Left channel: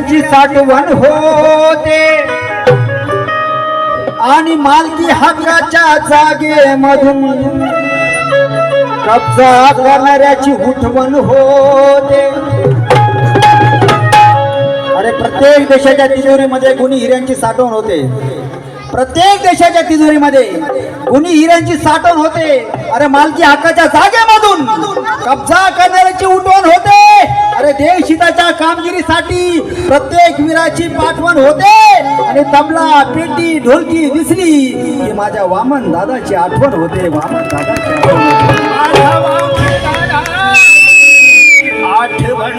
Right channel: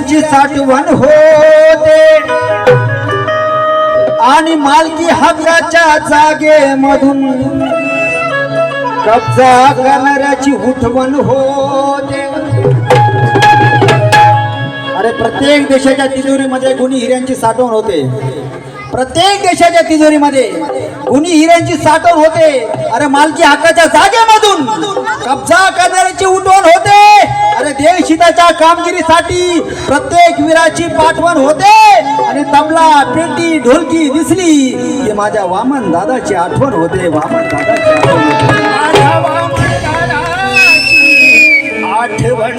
हिऱ्यांची साठवण होते आणि मालकी हक्काच्या जागेमधून कब्जा करणाऱ्याची उठवण होते. अरे प्रत्येक देशाच्या तिजोरीमध्ये गुणी हिऱ्यांची साठवण होते. प्रत्येक देशाच्या तिजोरीमध्ये गुणी हिऱ्यांची साठवण होते. अरे मालकी हक्काच्या जागेमधून कब्जा करणाऱ्याची उठवण होते. अरे देशहिताच्या कामगिरीसाठी प्रत्येक वीराची पाठवण होते. आणि तबला पेटी ढोलकी दिसली की माझ्या वामन दादाची आठवण होते. वामन दादाची आठवण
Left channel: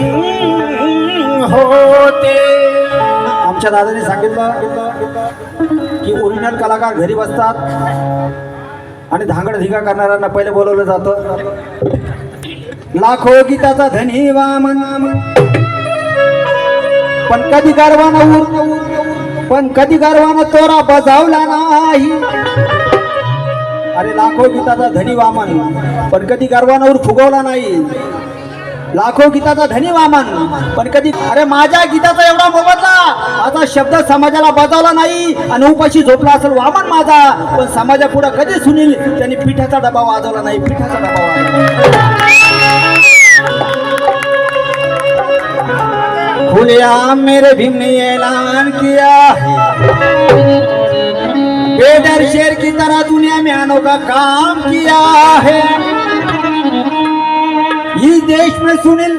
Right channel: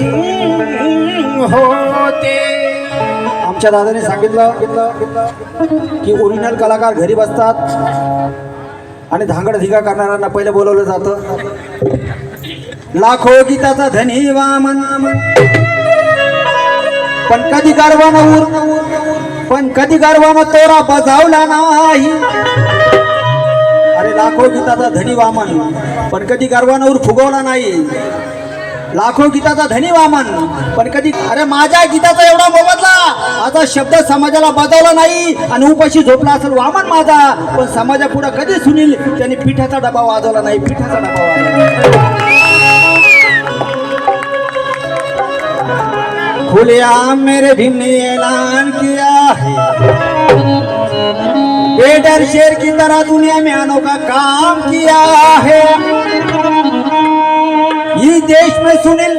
होते. आमच्या दादाने सांगितलं की ओरिजिनल कलाकार घरी बसतात आणि धांगड धिगा करणाऱ्यांना पहिले बोलवलं जातं. लाखो गीताचा धनी वामन, पण कधी गर्वानं तोरा बजावला नाही. अरे लाखो गीताचा धनी वामन, पण कधी गर्वानं फुगवला नाही. लाखो गीताचा धनी वामन, पण कधी अरे माझ्या गीताचा एवढा मोबदला आता शब्द समाजाला बजावला नाही आणि उपाशी झोपला असेल वामन माझा, पण समाजापुढे कधी सुनील त्यांनी पिठाचा डबा वाजवला नाही. पिठाचा डबा वाजवला. खुलेआम मेरे भीम ने ऐलान किया है, बेडर शेर की तरह दुनिया में अनोखा काम किया है. इस देश में सुनील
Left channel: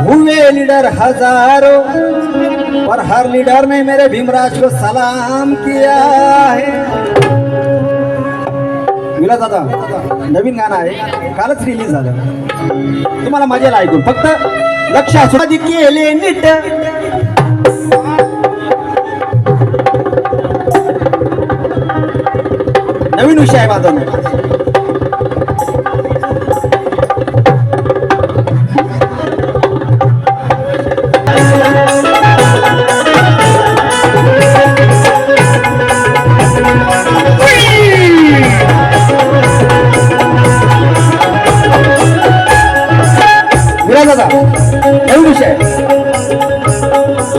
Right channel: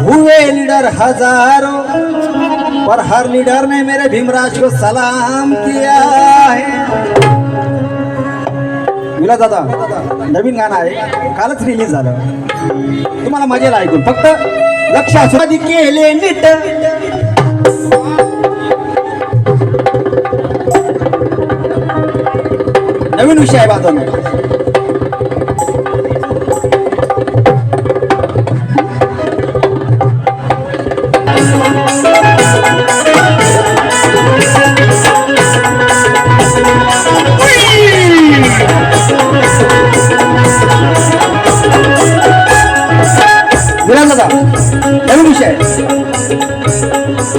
हुए लीडर हजारों, पर हर लीडर ने मेरे भीमराज को सलाम किया है. विला दादा नवीन गाणं आहे, कालच रिलीज झालं. तुम्हाला मजेल ऐकून फक्त लक्ष असू केले नीट. नवीन विषय आहे बाजूला. नवीन विषय.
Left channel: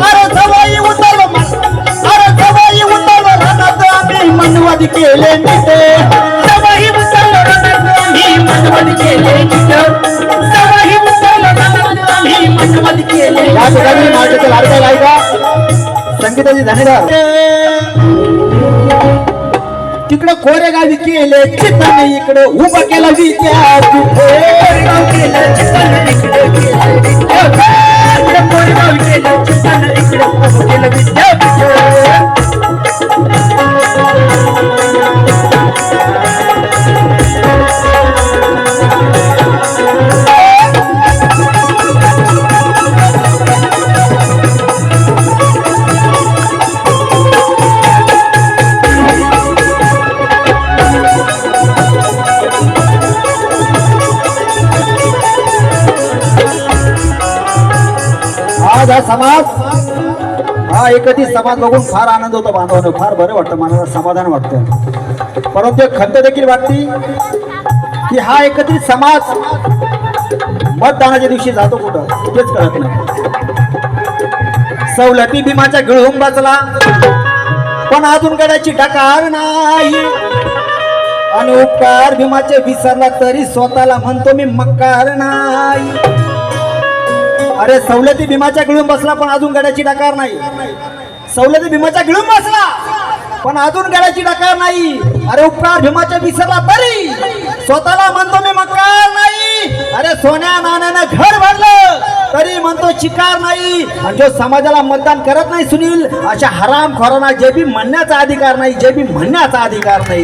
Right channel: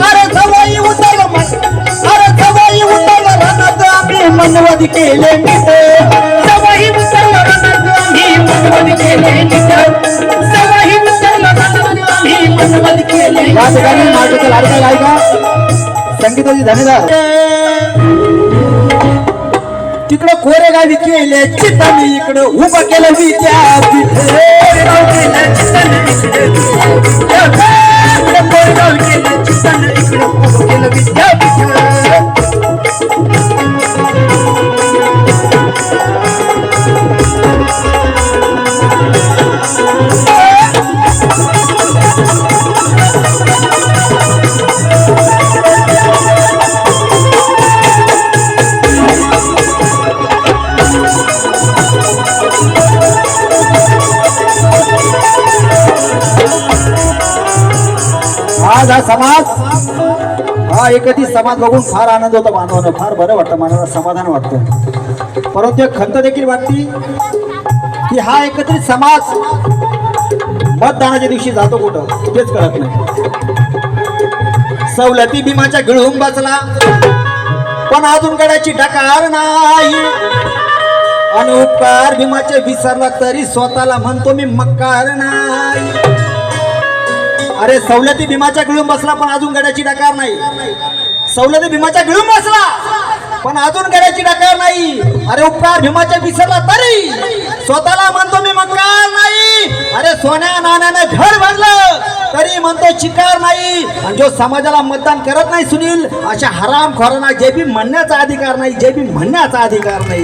अरे सवाई उतरलं, अरे सवाई उतरलं रणत आम्ही मनवाद केले नीट. सवाई उतरलं रणत आम्ही मनवाद केले नीट. सवाई उतरलं रणत आम्ही मनवाद केले. या ठिकाणी नाटकाचा लाडका गायका संगीताची धनीदार तिकडं कोरेगावी केले चित्ताने, इकडे उभं केलं विद्यार्थी. कोरेगाव केलं चित्ताने, इकडे कोरेगाव केलं चित्ताने, इकडे उभं केलं विद्यार्थी. आज हा समाज, हा एकत्रित समाज बघून फार आनंद होतो बांधवांना. फार बरं वाटतं, मनाला समाधान वाटतं. परंतु एक खंत देखील वाटते की हा एकत्रित समाज मतदानाच्या दिवशी जातो कुठं तेच कळत नाही. सवलती भीमाच्या गिळून बसला, पण अजून गड्याची डकार नाही. आणि उपकार भीमाचे विसरला तरी स्वतःला म्हणतो मी मक्कार नाही. अरे सवलती भीमाच्या गिळून बसला, पण अजून गड्याची डकार नाही. सवलती भीमाच्या गिळून बसला, पण अजून गड्याची डकार नाही. अरे उपकार भीमाच्या विसरला तरी स्वतःला म्हणतो मी मक्कार नाही. अरे सोन्या नाण्यानं घर भरलं तरी म्हणतो चिकार नाही. आणि जो समाजाला मतदान करत नाही सुनील, अशा हरामखोरांना जे बी म्हणण्याचा अधिकार नाही, जे बी म्हणण्याचा अधिकार नाही.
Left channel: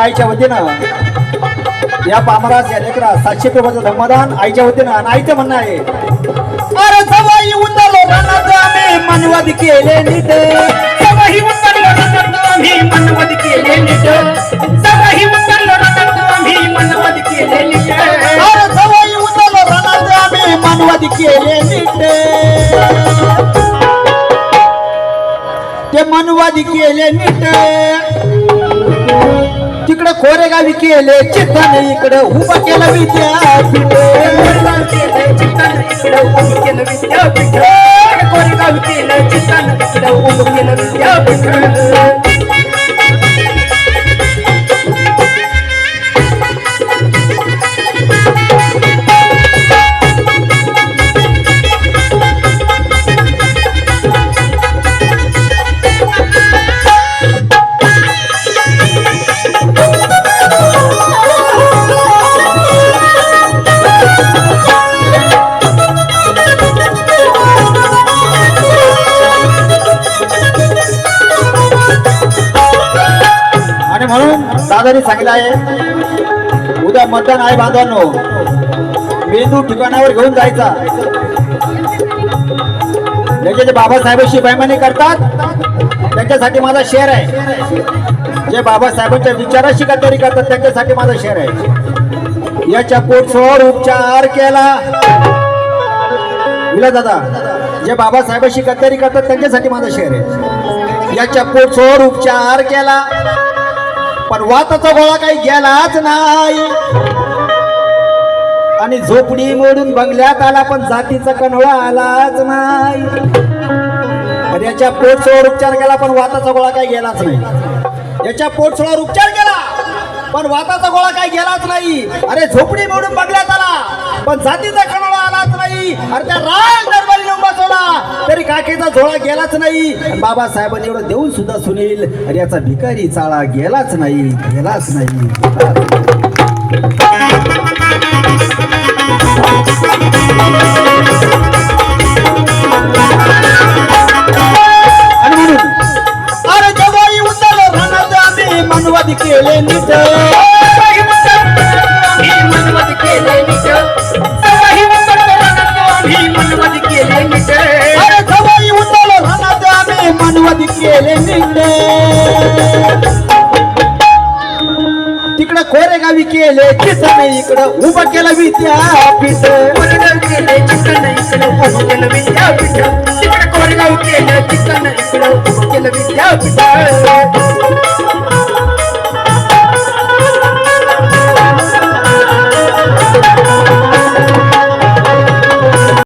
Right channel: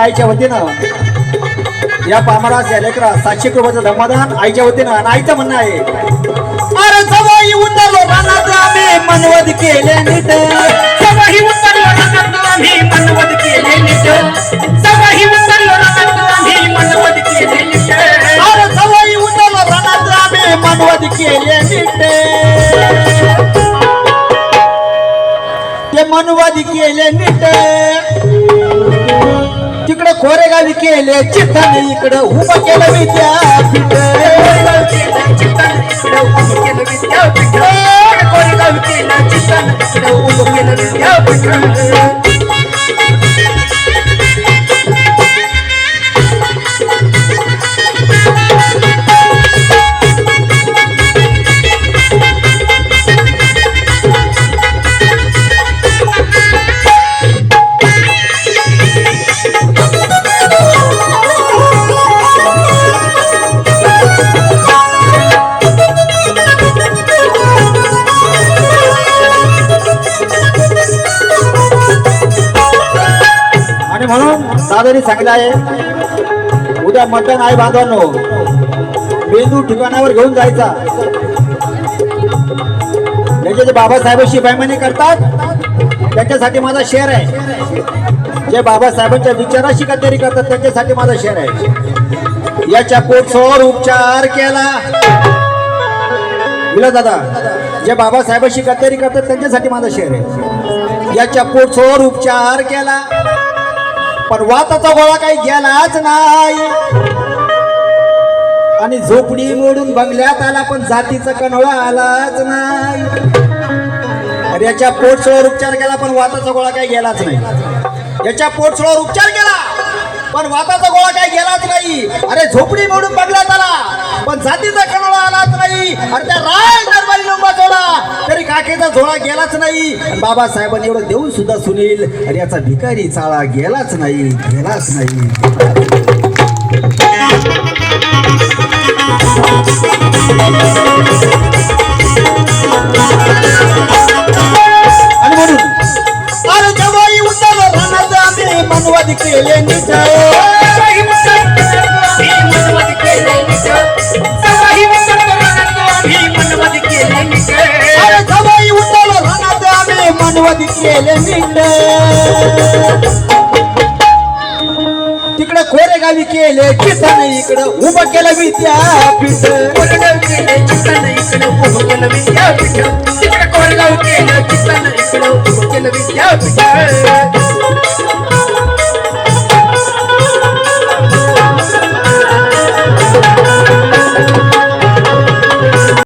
आईच्या वतीनं या पामरास या लेकरा 700 रुपयाचं धर्मदान आईच्या वतीनं. आणि आईचं म्हणणं आहे, अरे सवाई उतरलो रणत आम्ही मनवद केले नीट. सवाई उतरलो रणत आम्ही मनवद केले नीट. मनुवादी केले नीट तिकडे कोरेगावी केले चित्तन इकडे उभं केलं विद्यापीठ कोरेगावी केलं चित्तन इकडे उभं केलं विद्यापीठ आणि म्हणून दादानी सांगितलं आहे उद्या मतदान आहे बांधवांनो मेंदू ठिकाणावर घेऊन जायचा जे बाबासाहेबांशी बैमानी करतात त्यांच्यासाठी माझा शेअर आहे जे बाबासाहेबांच्या विचाराशी गद्दारी करतात त्यांच्यासाठी माझा शेअर आहे याच्या पोटसोर उपचार केला विला दादा जे बाबासाहेबांशी गद्दारी करतात त्यांच्यासाठी माझा शेअर आहे याच्या पोटसोर उपचार केला पण वाताचा गोळा काही गेलाच नाही आणि झोपडी मोडून बंगल्यात आला पण जातीचा कनोळा आलाच नाही अरे याच्या पोटसोळावर उपचार केला पण वाताचा गोळा काही गेलाच नाही याच्या पोटसोळावर उपचार केला पण वाताचा गोळा काही गेलाच नाही अरे झोपडी मोडून बंगल्यात आला पण जातीचा कनोळा आलाच नाही अरे त्या राज दरबारी लंबा चोला तरी काकेचा झोळा गेलाच नाही बाबासाहेबांनी एवढं देऊन सुद्धा सुनील अरे याचा भिकारी चाळा गेलाच नाही आणि म्हणून अरे जवाई उतरलो रणद आम्ही मनवादी केले नीट मनवादी केले नीट अरे जवाई उतरलो रणद आम्ही मनवादी केले नीट तिकडे कोरेगावी केले चित्तन इकडे उभं केलं विद्यापीठ कोरेगाव केलं चित्तन इकडे उभं केलं विद्यापीठ